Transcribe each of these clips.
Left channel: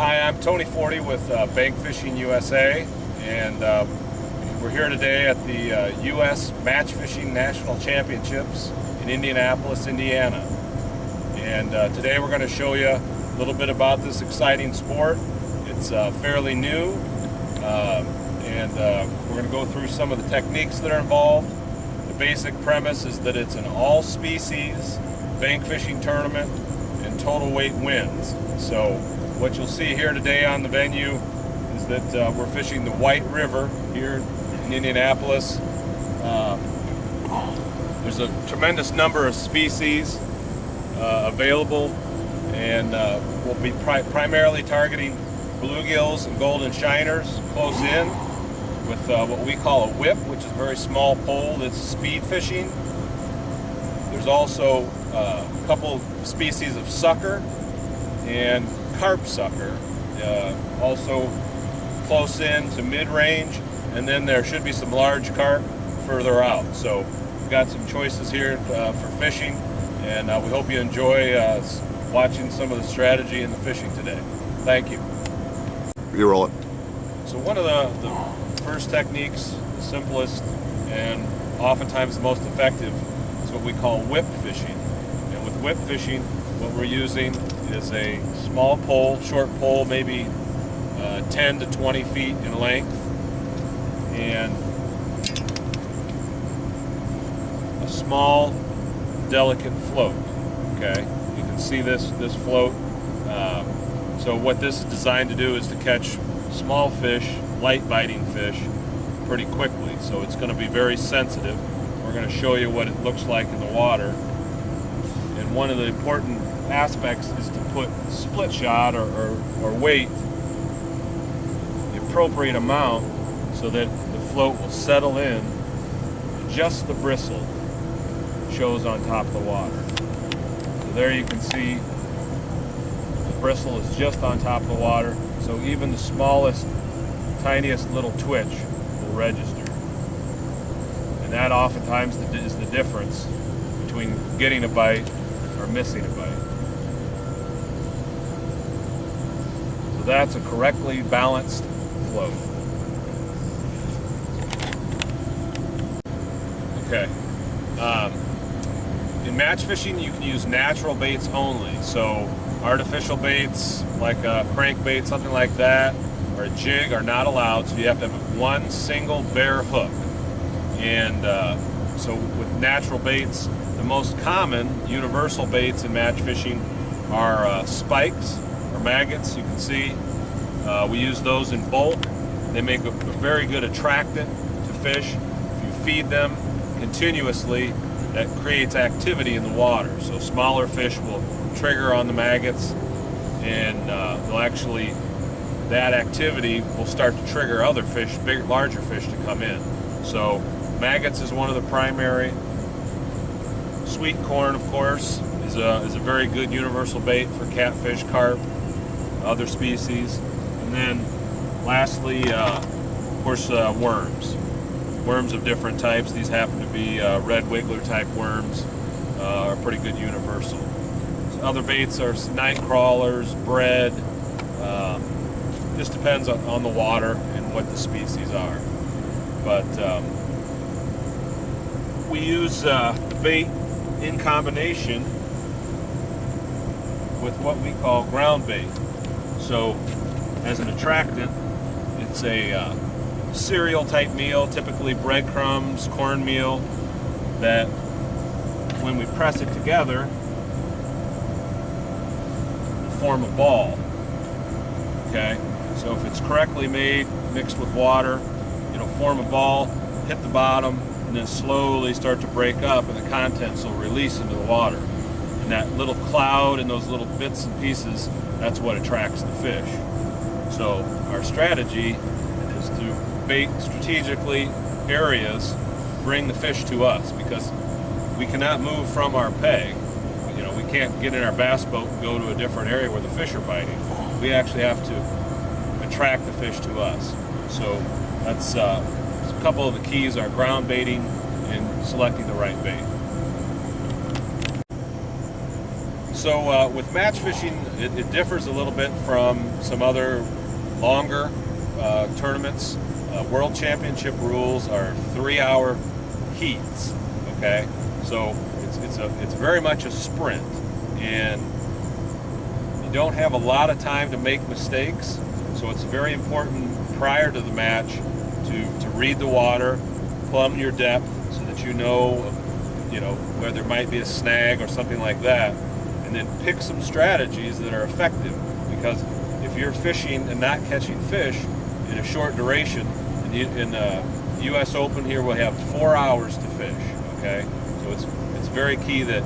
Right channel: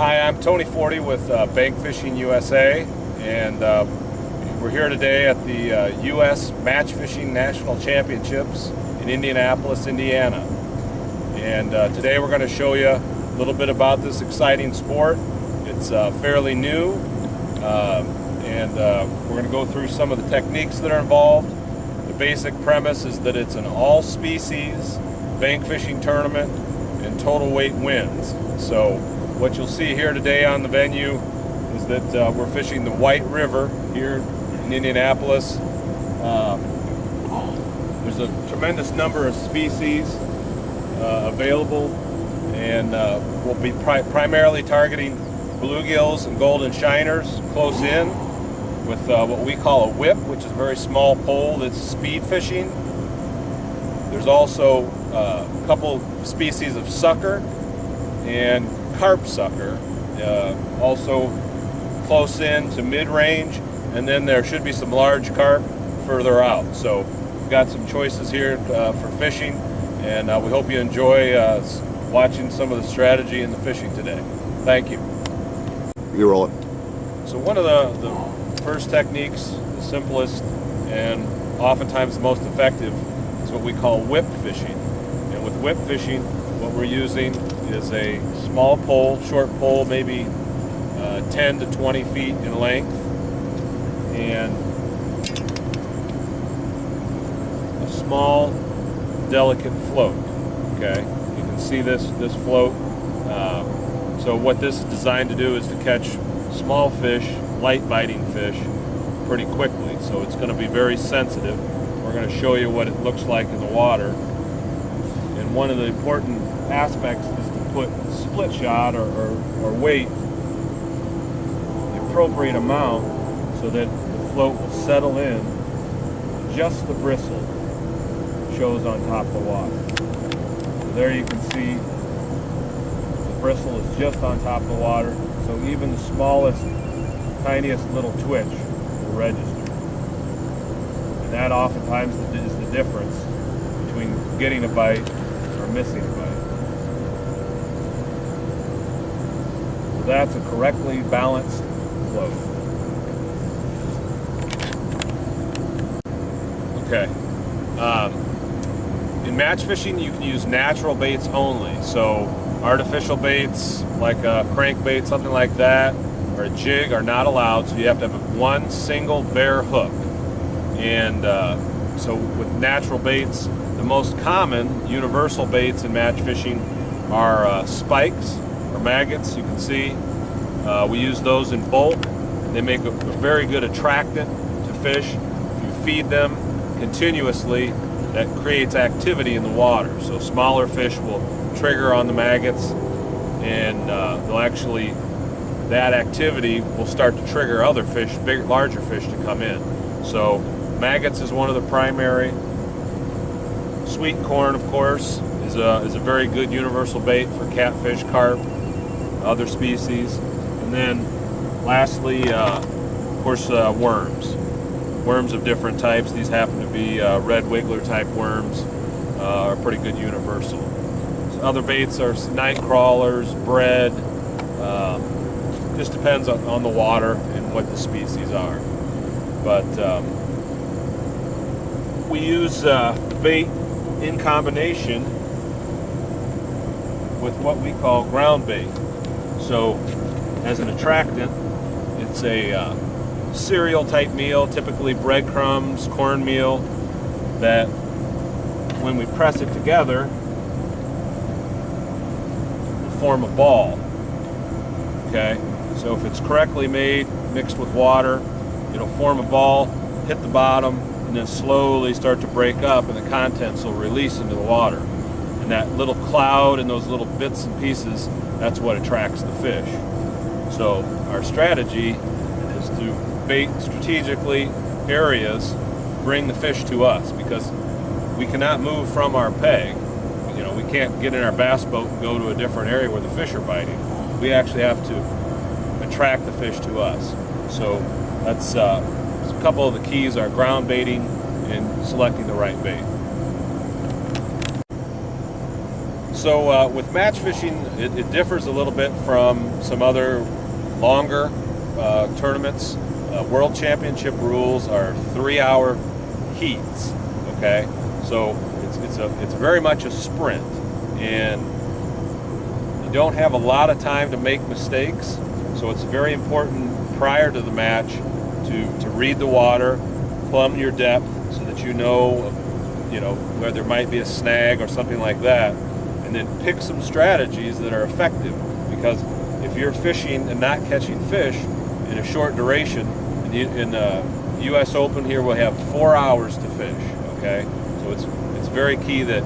Hi, I'm Tony Forty with Bank Fishing USA, and we're here today at the U.S. Match Fishing National Championships in Indianapolis, Indiana. And today we're going to show you a little bit about this exciting sport. It's fairly new, and we're going to go through some of the techniques that are involved. The basic premise is that it's an all-species bank fishing tournament and total weight wins. So what you'll see here today on the venue is that we're fishing the White River here in Indianapolis. There's a tremendous number of species available, and we'll be primarily targeting bluegills and golden shiners close in with what we call a whip, which is a very small pole that's speed fishing. There's also a couple species of sucker and carp sucker, also close in to mid-range, and then there should be some large carp further out. So we've got some choices here for fishing, and we hope you enjoy watching some of the strategy in the fishing today. Thank you. You roll it. So one of the first techniques, the simplest and oftentimes the most effective, is what we call whip fishing. And with whip fishing, what we're using is a small pole, short pole, maybe 10 to 20 feet in length, and a small, delicate float. Okay, you can see this float. So what this is designed to do is to catch small fish, light biting fish, pretty quickly. So it's going to be very sensitive. We're going to show you what it looks like in the water. And one of the important aspects is to put split shot or weight the appropriate amount so that the float will settle in. Just the bristle shows on top of the water. So there you can see the bristle is just on top of the water, so even the smallest, tiniest little twitch will register. And that oftentimes is the difference between getting a bite or missing a bite. So that's a correctly balanced float. Okay. In match fishing, you can use natural baits only. So artificial baits like a crankbait, something like that, or a jig are not allowed. So you have to have one single bare hook. And so with natural baits, the most common universal baits in match fishing are spikes or maggots. You can see we use those in bulk. They make a very good attractant to fish. If you feed them continuously, that creates activity in the water. So smaller fish will trigger on the maggots, and they'll actually, that activity will start to trigger other fish, larger fish to come in. So maggots is one of the primary. Sweet corn, of course, is a very good universal bait for catfish, carp, other species. And then lastly, of course, worms. Worms of different types. These happen to be red wiggler type worms, are pretty good universal. So other baits are night crawlers, bread. Just depends on the water and what the species are. But we use bait in combination with what we call ground bait. So as an attractant, it's a cereal type meal, typically breadcrumbs, cornmeal, that when we press it together will form a ball. Okay, so if it's correctly made, mixed with water, it'll form a ball, hit the bottom, and then slowly start to break up, and the contents will release into the water. And that little cloud and those little bits and pieces, that's what attracts the fish. So our strategy is to bait strategically areas, bring the fish to us, because we cannot move from our peg. You know, we can't get in our bass boat and go to a different area where the fish are biting. We actually have to attract the fish to us. So that's a couple of the keys are ground baiting and selecting the right bait. So with match fishing, it differs a little bit from some other longer tournaments. World Championship rules are 3-hour heats. Okay, so it's very much a sprint, and you don't have a lot of time to make mistakes. So it's very important prior to the match to read the water, plumb your depth, so that you know where there might be a snag or something like that, and then pick some strategies that are effective. Because if you're fishing and not catching fish in a short duration, in U.S. Open here we'll have 4 hours to fish. Okay, so it's very key that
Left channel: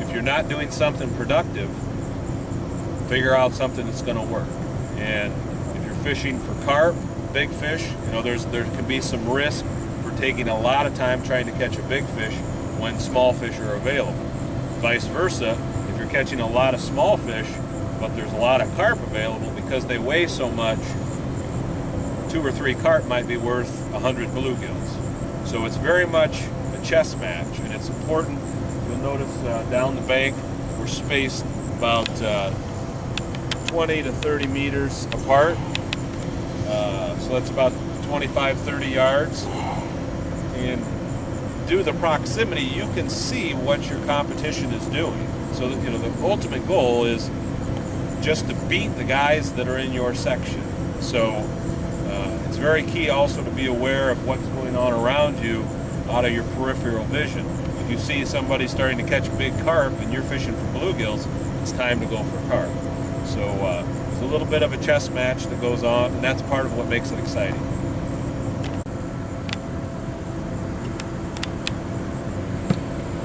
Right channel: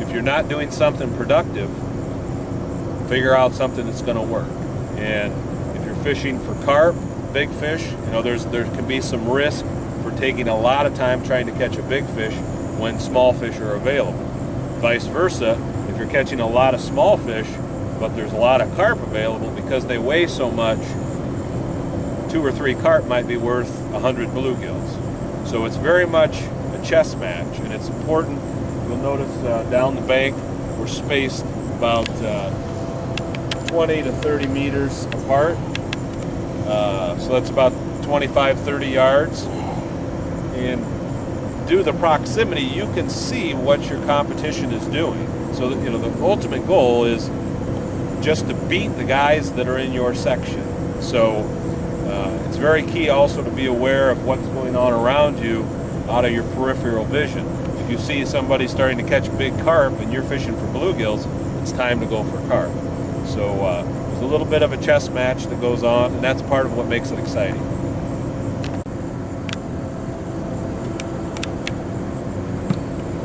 if you're not doing something productive, figure out something that's going to work. And if you're fishing for carp, big fish, there can be some risk for taking a lot of time trying to catch a big fish when small fish are available. Vice versa, if you're catching a lot of small fish, but there's a lot of carp available, because they weigh so much, 2 or 3 carp might be worth 100 bluegills. So it's very much a chess match, and it's important. You'll notice down the bank we're spaced about 20 to 30 meters apart. So that's about 25, 30 yards. And due to the proximity, you can see what your competition is doing. So that, the ultimate goal is just to beat the guys that are in your section. So it's very key also to be aware of what's going on around you out of your peripheral vision. If you see somebody starting to catch big carp and you're fishing for bluegills, it's time to go for carp. So there's a little bit of a chess match that goes on, and that's part of what makes it exciting.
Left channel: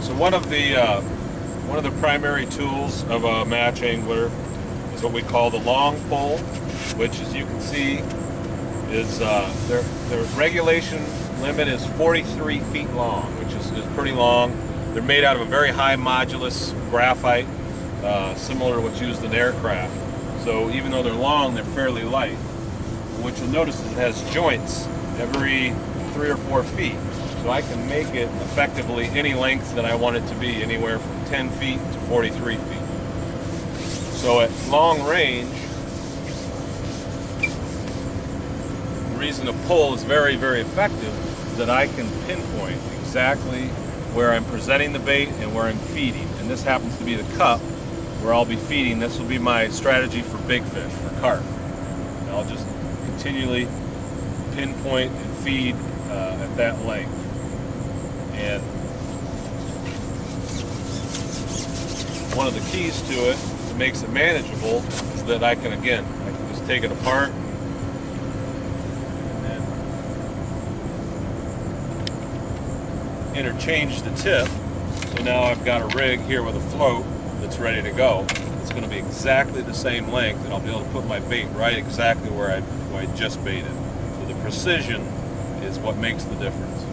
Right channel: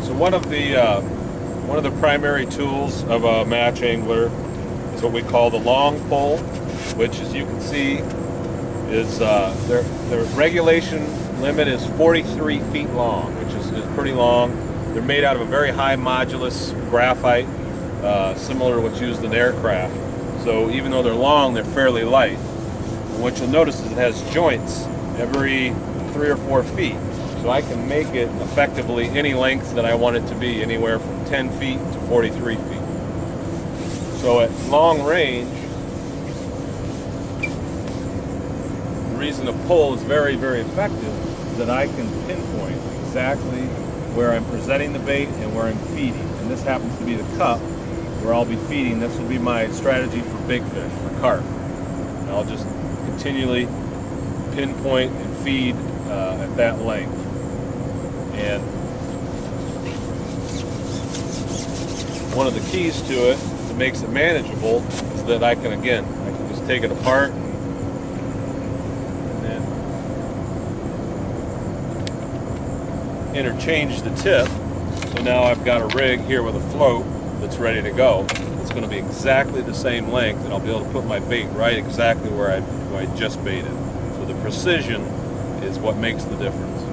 So one of the primary tools of a match angler is what we call the long pole, which, as you can see, is their regulation limit is 43 feet long, which is pretty long. They're made out of a very high modulus graphite, similar to what's used in aircraft. So even though they're long, they're fairly light. And what you'll notice is it has joints every 3 or 4 feet. So I can make it effectively any length that I want it to be, anywhere from 10 feet to 43 feet. So at long range, the reason a pull is very, very effective is that I can pinpoint exactly where I'm presenting the bait and where I'm feeding. And this happens to be the cup where I'll be feeding. This will be my strategy for big fish, for carp. And I'll just continually pinpoint and feed at that length. And one of the keys to it that makes it manageable is that I can just take it apart and then interchange the tip. So now I've got a rig here with a float that's ready to go. It's going to be exactly the same length, and I'll be able to put my bait right exactly where I just baited. So the precision is what makes the difference.